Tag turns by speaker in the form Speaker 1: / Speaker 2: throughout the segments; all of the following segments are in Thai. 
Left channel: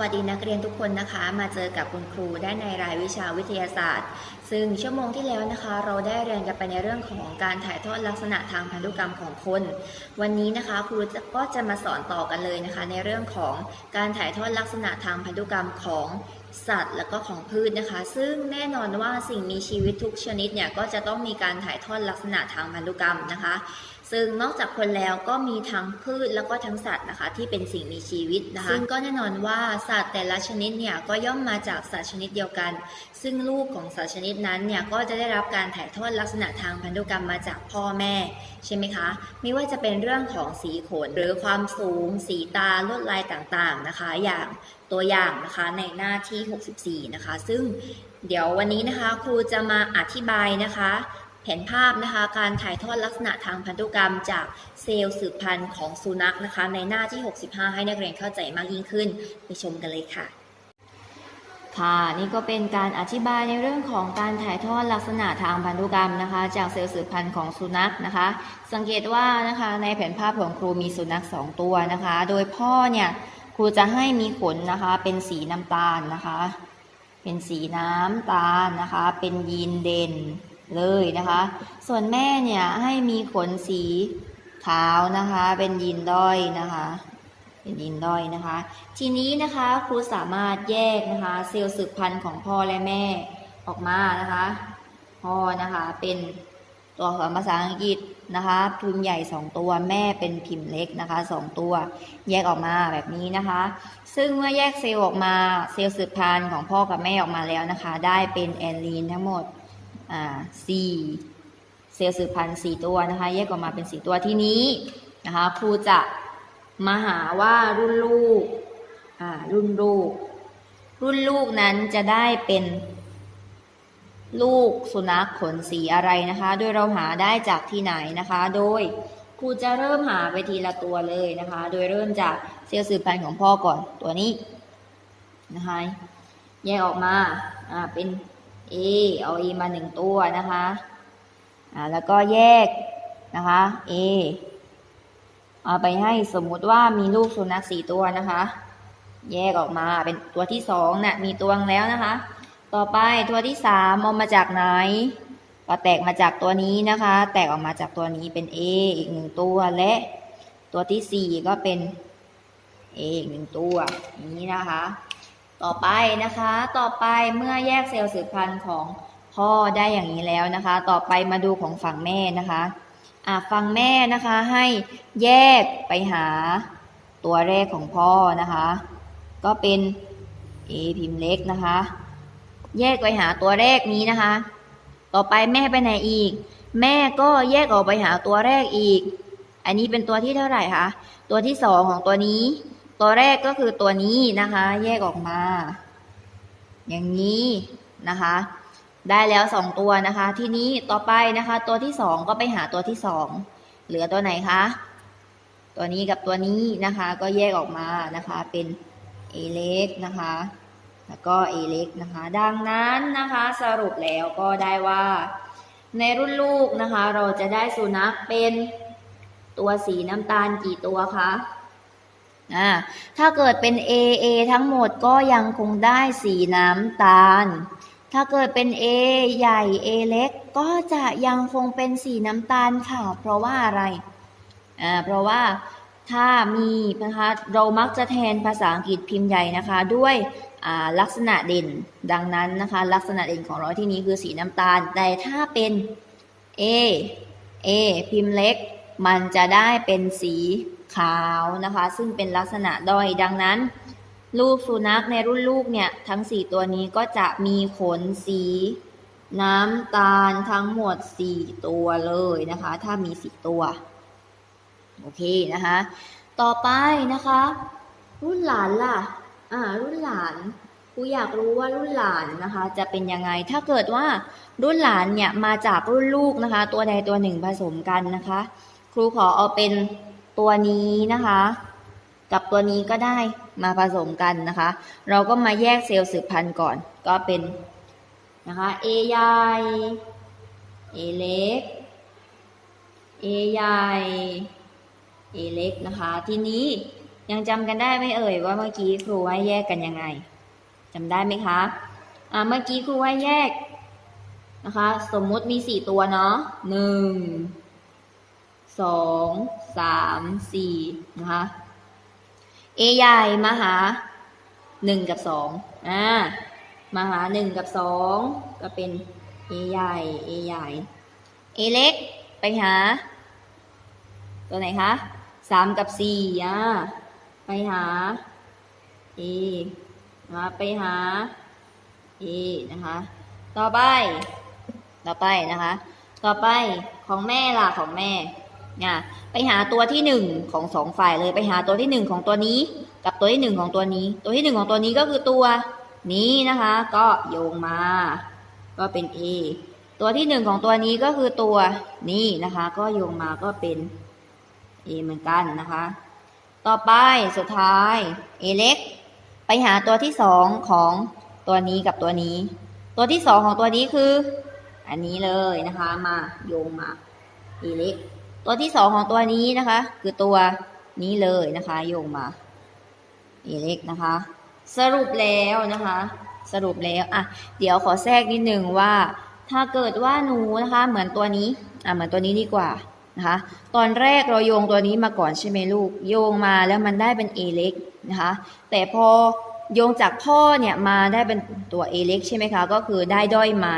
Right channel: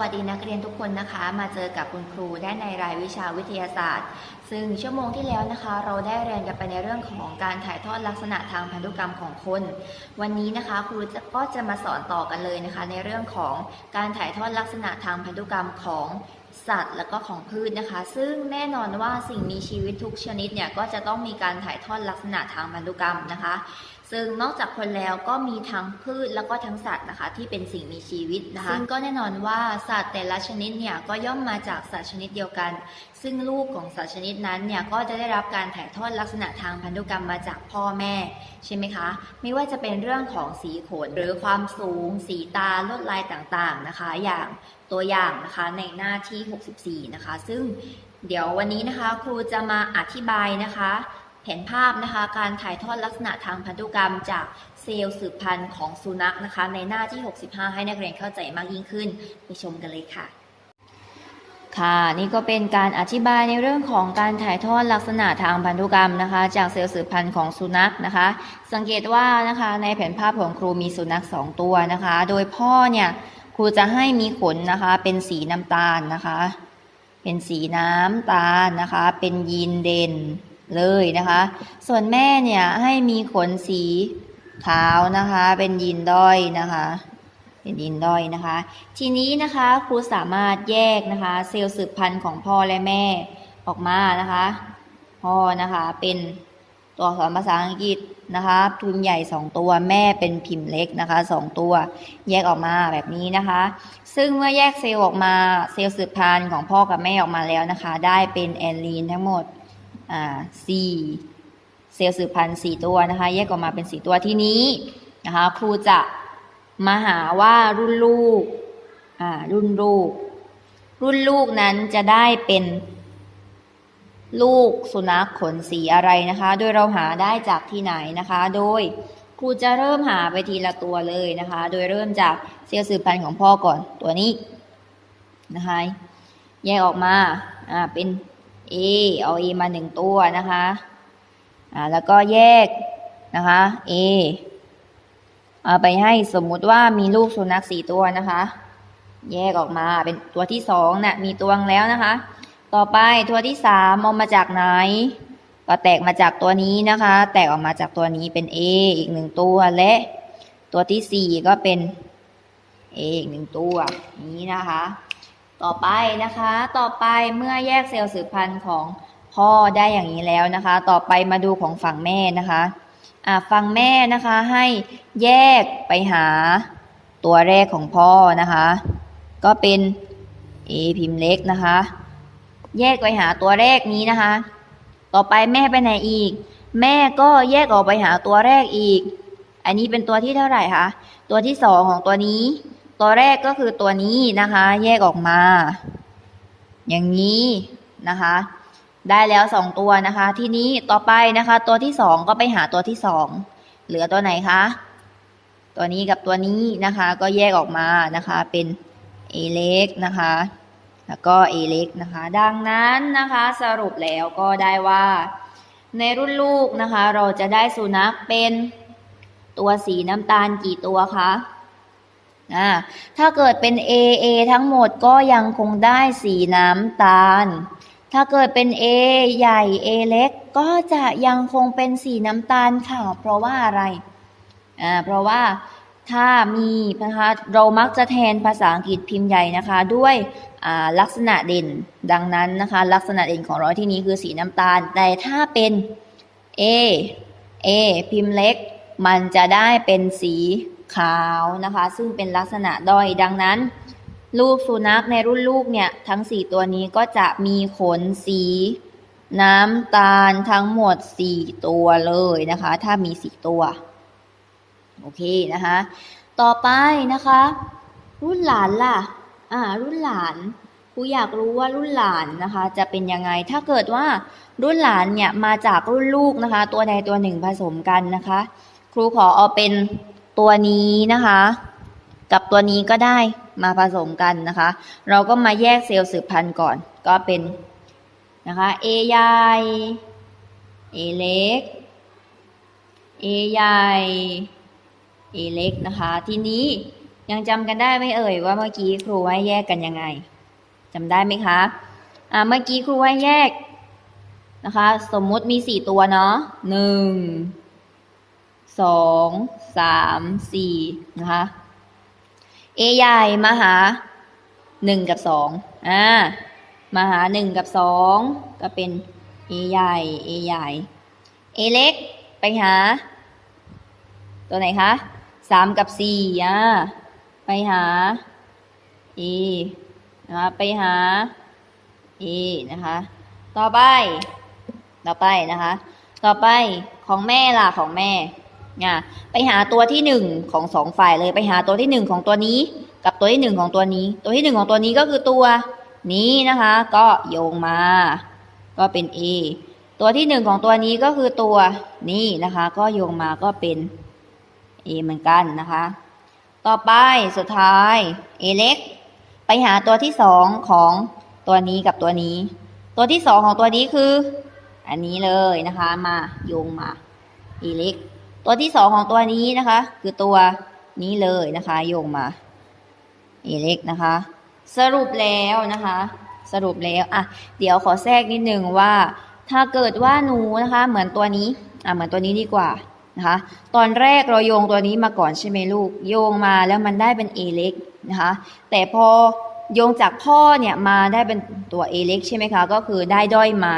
Speaker 1: วัสดีนักเรียนทุกคนนะคะ มาเจอกับคุณครูได้ในรายวิชาวิทยาศาสตร์ ซึ่งชั่วโมงที่แล้วนะคะ เราได้เรียนกันไปในเรื่องของการถ่ายทอดลักษณะทางพันธุกรรมของคน วันนี้นะคะครูก็จะมาสอนต่อกันเลยนะคะ ในเรื่องของการถ่ายทอดลักษณะทางพันธุกรรมของสัตว์และก็ของพืชนะคะ ซึ่งแน่นอนว่าสิ่งมีชีวิตทุกชนิดเนี่ยก็จะต้องมีการถ่ายทอดลักษณะทางพันธุกรรมนะคะ ซึ่งนอกจากคนแล้วก็มีทั้งพืชแล้วก็ทั้งสัตว์นะคะที่เป็นสิ่งมีชีวิตนะคะซึ่งก็แน่นอนว่าสัตว์แต่ละชนิดเนี่ยก็ย่อมมาจากสัตว์ชนิดเดียวกัน ซึ่งลูกของสัตว์ชนิดนั้นเนี่ยก็จะได้รับการถ่ายทอดลักษณะทางพันธุกรรมมาจากพ่อแม่ใช่ไหมคะ ไม่ว่าจะเป็นเรื่องของสีขนหรือความสูง สีตาลวดลายต่างๆนะคะ อย่างตัวอย่างนะคะในหน้าที่ 64 นะคะ ซึ่งเดี๋ยววันนี้นะคะครูจะมาอธิบายนะคะ แผนภาพนะคะการถ่ายทอดลักษณะทางพันธุกรรมจากเซลล์สืบพันธุ์ของสุนัขนะคะ ในหน้าที่ 65 ให้นักเรียนเข้าใจมากยิ่งขึ้น ไปชมกันเลยค่ะ ค่ะนี่ก็เป็นการอธิบายในเรื่องของการถ่ายทอดลักษณะทางพันธุกรรมนะคะ จากเซลล์สืบพันธุ์ของสุนัขนะคะ สังเกตว่านะคะในแผนภาพของครูมีสุนัขสองตัวนะคะ โดยพ่อเนี่ยครูจะให้มีขนนะคะ เป็นสีน้ำตาลนะคะ เป็นสีน้ำตาลนะคะ เป็นยีนเด่น เลยนะคะ ส่วนแม่เนี่ยให้มีขนสีขาวนะคะ เป็นยีนด้อยนะคะ เป็นยีนด้อยนะคะ ทีนี้นะคะครูสามารถแยกนะคะเซลล์สืบพันธุ์ของพ่อและแม่ออกมานะคะพ่อนะคะเป็นตัวอักษรภาษาอังกฤษนะคะพิมพ์ใหญ่สองตัวแม่เป็นพิมพ์เล็กนะคะสองตัวแยกออกมาแบบนี้นะคะ ซึ่งเมื่อแยกเซลล์ออกมาเซลล์สืบพันธุ์ของพ่อกับแม่ออกมาแล้วนะคะ ได้เป็นแอนลีนทั้งหมด สี่เซลล์สืบพันธุ์สี่ตัวนะคะ แยกออกมาเป็นสี่ตัวที่นี้นะคะครูจะมาหาว่ารุ่นลูกอ่ารุ่นลูก รุ่นลูกนั้นจะได้เป็นลูกสุนัขขนสีอะไรนะคะ โดยเราหาได้จากที่ไหนนะคะ โดยครูจะเริ่มหาไปทีละตัวเลยนะคะ โดยเริ่มจากเซลล์สืบพันธุ์ของพ่อก่อนตัวนี้นะคะ แยกออกมาอ่าเป็น A เอา A มาหนึ่งตัวนะคะอ่าแล้วก็แยกนะคะ A เอาไปให้สมมุติว่ามีลูกสุนัขสี่ตัวนะคะ แยกออกมาเป็นตัวที่สองนะ่ะมีตัวงแล้วนะคะ ต่อไปตัวที่สามเอามาจากไหน ก็แตกมาจากตัวนี้นะคะ แตกออกมาจากตัวนี้เป็น A อีกหนึ่งตัวและตัวที่สี่ก็เป็น A อีกหนึ่งตัวนี้นะคะ ต่อไปนะคะ ต่อไปเมื่อแยกเซลล์สืบพันธุ์ของพ่อได้อย่างนี้แล้วนะคะ ต่อไปมาดูของฝั่งแม่นะคะอ่าฝั่งแม่นะคะให้แยกไปหาตัวแรกของพ่อนะคะ ก็เป็น A พิมพ์เล็กนะคะ แยกไปหาตัวแรกนี้นะคะ ต่อไปแม่ไปไหนอีก แม่ก็แยกออกไปหาตัวแรกอีก อันนี้เป็นตัวที่เท่าไหร่คะตัวที่สองของตัวนี้ ตัวแรกก็คือตัวนี้นะคะ แยกออกมา อย่างนี้นะคะ ได้แล้วสองตัวนะคะ ทีนี้ต่อไปนะคะ ตัวที่สองก็ไปหาตัวที่สองเหลือตัวไหนคะตัวนี้กับตัวนี้นะคะ ก็แยกออกมานะคะ เป็น A เล็กนะคะ แล้วก็ A เล็กนะคะ ดังนั้นนะคะ สรุปแล้วก็ได้ว่า ในรุ่นลูกนะคะ เราจะได้สุนัขเป็นตัวสีน้ำตาลกี่ตัวคะ อ่าถ้าเกิดเป็น A A ทั้งหมดก็ยังคงได้สีน้ำตาล ถ้าเกิดเป็น A ใหญ่ A เล็ก ก็จะยังคงเป็นสีน้ำตาลค่ะ เพราะว่าอะไรอ่าเพราะว่าถ้ามีนะคะเรามักจะแทนภาษาอังกฤษพิมพ์ใหญ่นะคะ ด้วยลักษณะเด่นดังนั้นนะคะ ลักษณะเด่นของเราที่นี้คือสีน้ำตาล แต่ถ้าเป็น A A พิมพ์เล็ก มันจะได้เป็นสี ขาวนะคะ ซึ่งเป็นลักษณะด้อยดังนั้น ลูกสุนัขในรุ่นลูกเนี่ย ทั้ง 4 ตัวนี้ก็จะมีขนสี น้ำตาลทั้งหมด 4 ตัวเลยนะคะ ถ้ามี 4 ตัว โอเคนะคะ ต่อไปนะคะ รุ่นหลานล่ะ อ่า รุ่นหลานครูอยากรู้ว่ารุ่นหลานนะคะ จะเป็นยังไง ถ้าเกิดว่ารุ่นหลานเนี่ยมาจากรุ่นลูกนะคะ ตัวใดตัวหนึ่งผสมกันนะคะ ครูขอเอาเป็น ตัวนี้นะคะ กับตัวนี้ก็ได้มาผสมกันนะคะ เราก็มาแยกเซลล์สืบพันธุ์ก่อนก็เป็นนะคะ A ใหญ่ A เล็ก A ใหญ่ A เล็กนะคะ ทีนี้ยังจำกันได้ไหมเอ่ยว่าเมื่อกี้ครูให้แยกกันยังไงจำได้ไหมคะอ่าเมื่อกี้ครูให้แยกนะคะ สมมุติมีสี่ตัวเนาะหนึ่ง สองสามสี่นะคะ A ใหญ่มาหาหนึ่งกับสองอ่ามาหาหนึ่งกับสองก็เป็น A ใหญ่ A ใหญ่ A เล็กไปหา ตัวไหนคะสามกับสี่อ่าไปหา E นะคะไปหา E นะคะ ต่อไป ต่อไปนะคะ ต่อไปของแม่ล่ะของแม่ นี่ยไปหาตัวที่หนึ่งของสองฝ่ายเลยไปหาตัวที่หนึ่งของตัวนี้ กับตัวที่หนึ่งของตัวนี้ ตัวที่หนึ่งของตัวนี้ก็คือตัวนี้นะคะ ก็โยงมา ก็เป็น A ตัวที่หนึ่งของตัวนี้ก็คือตัวนี้นะคะ ก็โยงมาก็เป็น A เหมือนกันนะคะ ต่อไปสุดท้าย A เล็ก ไปหาตัวที่สองของตัวนี้กับตัวนี้ ตัวที่สองของตัวนี้คือ อันนี้เลยนะคะ มาโยงมา A เล็ก ตัวที่สองของตัวนี้นะคะ คือตัวนี้เลยนะคะ โยงมา A เล็กนะคะ สรุปแล้วนะคะ สรุปแล้วอะเดี๋ยวขอแทรกนิดนึงว่า ถ้าเกิดว่าหนูนะคะ เหมือนตัวนี้อะเหมือนตัวนี้ดีกว่านะคะ ตอนแรกเราโยงตัวนี้มาก่อนใช่ไหมลูก โยงมาแล้วมันได้เป็น A เล็กนะคะ แต่พอโยงจากพ่อเนี่ยมาได้เป็นตัว A เล็กใช่ไหมคะ ก็คือได้ด้อยมา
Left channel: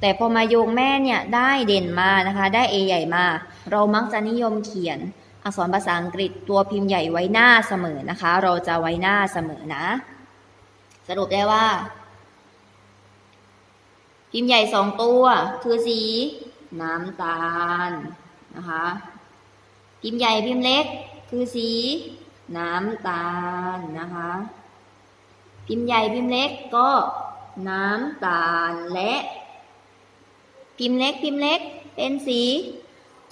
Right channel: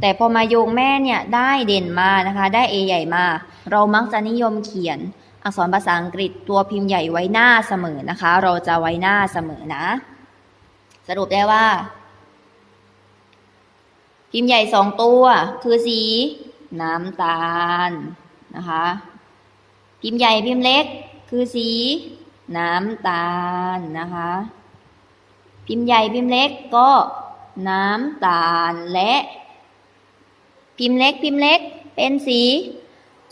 Speaker 1: แต่พอมาโยงแม่เนี่ยได้เด่นมานะคะ ได้ A ใหญ่มา เรามักจะนิยมเขียนอักษรภาษาอังกฤษตัวพิมพ์ใหญ่ไว้หน้าเสมอนะคะ เราจะไว้หน้าเสมอนะ สรุปได้ว่า พิมพ์ใหญ่สองตัวคือสี น้ำตาลนะคะ พิมพ์ใหญ่พิมพ์เล็ก คือสี น้ำตาลนะคะ พิมพ์ใหญ่พิมพ์เล็กก็น้ำตาลและ พิมพ์เล็กพิมพ์เล็ก เป็นสี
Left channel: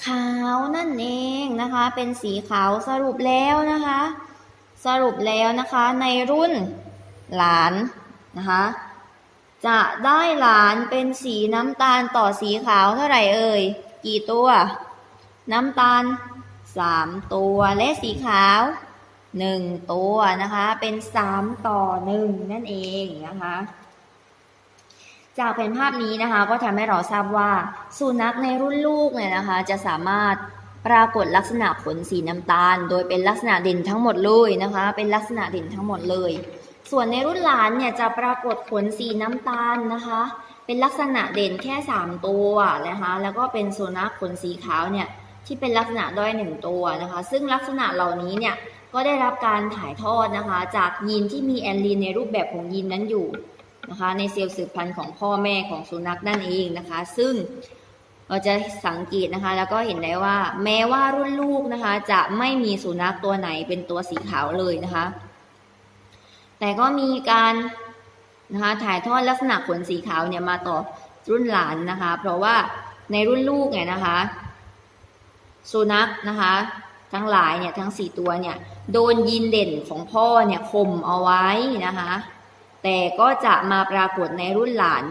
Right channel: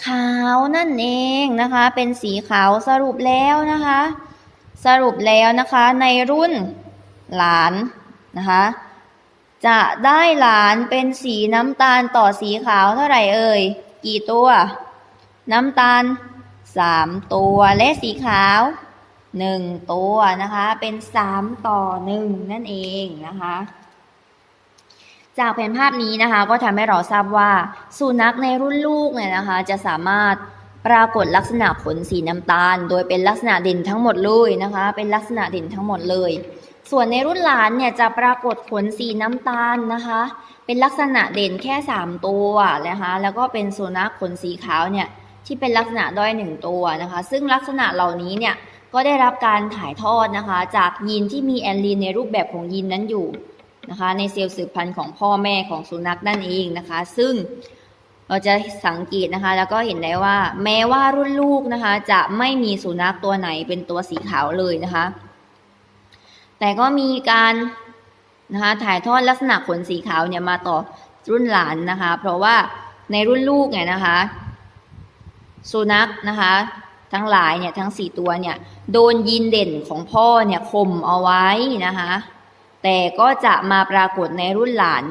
Speaker 1: ขาวนั่นเองนะคะ เป็นสีขาวสรุปแล้วนะคะ สรุปแล้วนะคะในรุ่นหลานนะคะ จะได้หลานเป็นสีน้ำตาลต่อสีขาวเท่าไหร่เอ่ย กี่ตัว น้ำตาลสามตัวและสีขาวหนึ่งตัวนะคะ เป็นสามต่อหนึ่งนั่นเองนะคะ จากแผนภาพนี้นะคะก็ทำให้เราทราบว่าสุนัขในรุ่นลูกเนี่ยนะคะ จะสามารถปรากฏลักษณะขนสีน้ำตาล โดยเป็นลักษณะเด่นทั้งหมดเลยนะคะ เป็นลักษณะเด่นทั้งหมดเลย ส่วนในรุ่นหลานเนี่ยจะปรากฏขนสีน้ำตาลนะคะ เป็นลักษณะเด่นแค่ 3 ตัวนะคะแล้วก็เป็นสุนัขขนสีขาวเนี่ยที่เป็นลักษณะด้อยหนึ่งตัวนะคะ ซึ่งลักษณะเหล่านี้เนี่ยก็ได้รับการถ่ายทอดนะคะ จากยีนที่มีแอนลีนในรูปแบบของยีนนั้นอยู่ นะคะในเซลล์สืบพันธุ์ของพ่อแม่ของสุนัขนั่นเองนะคะ ซึ่งเราจะสังเกตนะคะ แล้วก็เห็นได้ว่า แม้ว่ารุ่นลูกนะคะ จะไม่มีสุนัขตัวไหนเป็นตัวสีขาวเลยนะคะ แต่ก็มีการนะคะถ่ายทอดลักษณะขนสีขาวเนี่ยมาต่อรุ่นหลานนะคะ เพราะว่าในรุ่นลูกเนี่ยนะคะ สุนัขนะคะ ทั้งหลายเนี่ยทั้งสี่ตัวเนี่ยโดนยีนเด่นของพ่อเนี่ยข่มเอาไว้นะคะ แต่ก็จะมาปรากฏในรุ่นหลาน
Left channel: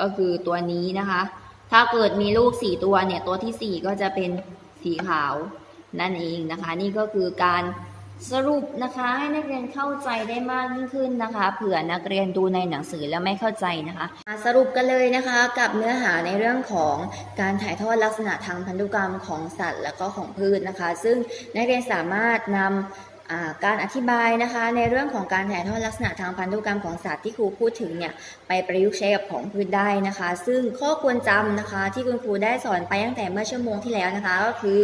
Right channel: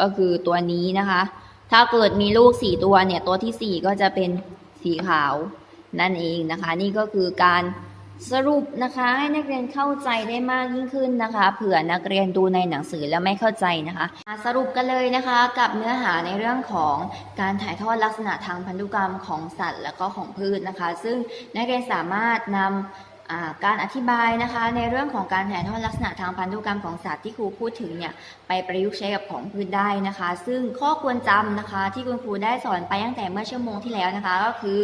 Speaker 1: ก็คือตัวนี้นะคะ ถ้าเกิดมีลูกสี่ตัวเนี่ยตัวที่สี่ก็จะเป็นสีขาวนั่นเองนะคะ นี่ก็คือการสรุปนะคะให้นักเรียนเข้าใจได้มากยิ่งขึ้นนะคะ เผื่อนักเรียนดูในหนังสือแล้วไม่เข้าใจนะคะมาสรุปกันเลยนะคะ กับเนื้อหาในเรื่องของการถ่ายทอดลักษณะทางพันธุกรรมของสัตว์ และก็ของพืชนะคะ ซึ่งนักเรียนสามารถนำอ่า การอธิบายนะคะในเรื่องของการถ่ายทอดลักษณะทางพันธุกรรมของสัตว์ที่ครูพูดถึงเนี่ยไปประยุกต์ใช้กับของพืชได้นะคะ ซึ่งข้อควรจำนะคะ ที่คุณครูได้สอนไปตั้งแต่เมื่อชั่วโมงที่แล้วนะคะก็คือ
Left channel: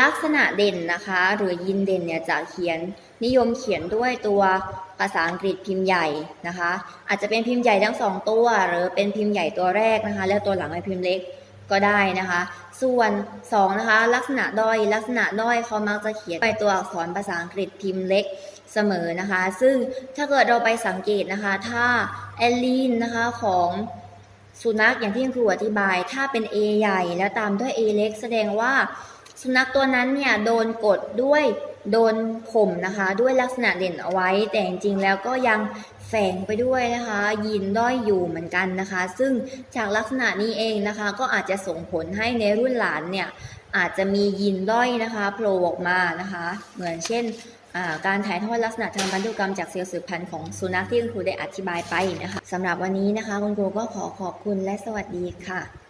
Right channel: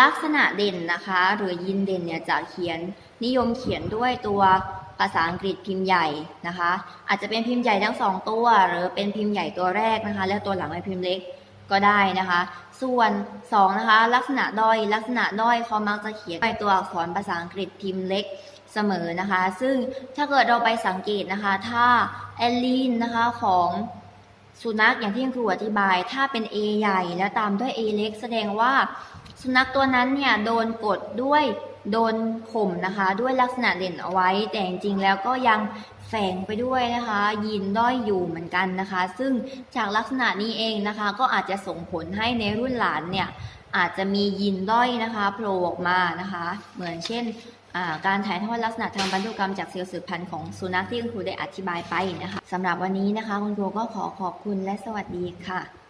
Speaker 1: ลักษณะเด่นนะคะ หรือยินเด่นเนี่ยจะเขียนนิยมเขียนด้วยตัวภาษาอังกฤษพิมพ์ใหญ่นะคะ อาจจะเป็นพิมพ์ใหญ่ทั้งสองตัว หรือเป็นพิมพ์ใหญ่ตัวแรกนะคะ แล้วตัวหลังเป็นพิมพ์เล็ก ก็ได้นะคะ ส่วน 2 นะคะ ลักษณะด้อยลักษณะด้อยเขามักจะเขียนไปตัวอักษรภาษาอังกฤษพิมพ์เล็กเสมอนะคะ ซึ่งถ้าเกิดเราไปสังเกตนะคะ ถ้าแอลลีนนะคะของสุนัขอย่างที่ครูอธิบาย ถ้าเป็น A ใหญ่แล้วตามด้วย A เล็ก แสดงว่าสุนัขตัวนั้นเนี่ยโดนกดด้วยโดนข่มนะคะ ด้วยลักษณะเด่นเอาไว้ แต่จริงๆแล้วก็ยัง แฝงไปด้วยนะคะยีนด้อยอยู่เหมือนกันนะคะ ซึ่งจากลักษณะนี้เองนะคะ ก็อาจจะส่งผลให้ในรุ่นหลานเนี่ยอาจจะมียีนด้อยนะคะโผล่ออกมานะคะ เหมือนเช่นการถ่ายทอดลักษณะทางพันธุกรรมจากเซลล์สืบพันธุ์ของสุนัขที่คุณครูได้อธิบายไปนะคะสำหรับวันนี้นะคะคุณครูก็ขอขอบคุณและสวัสดีค่ะ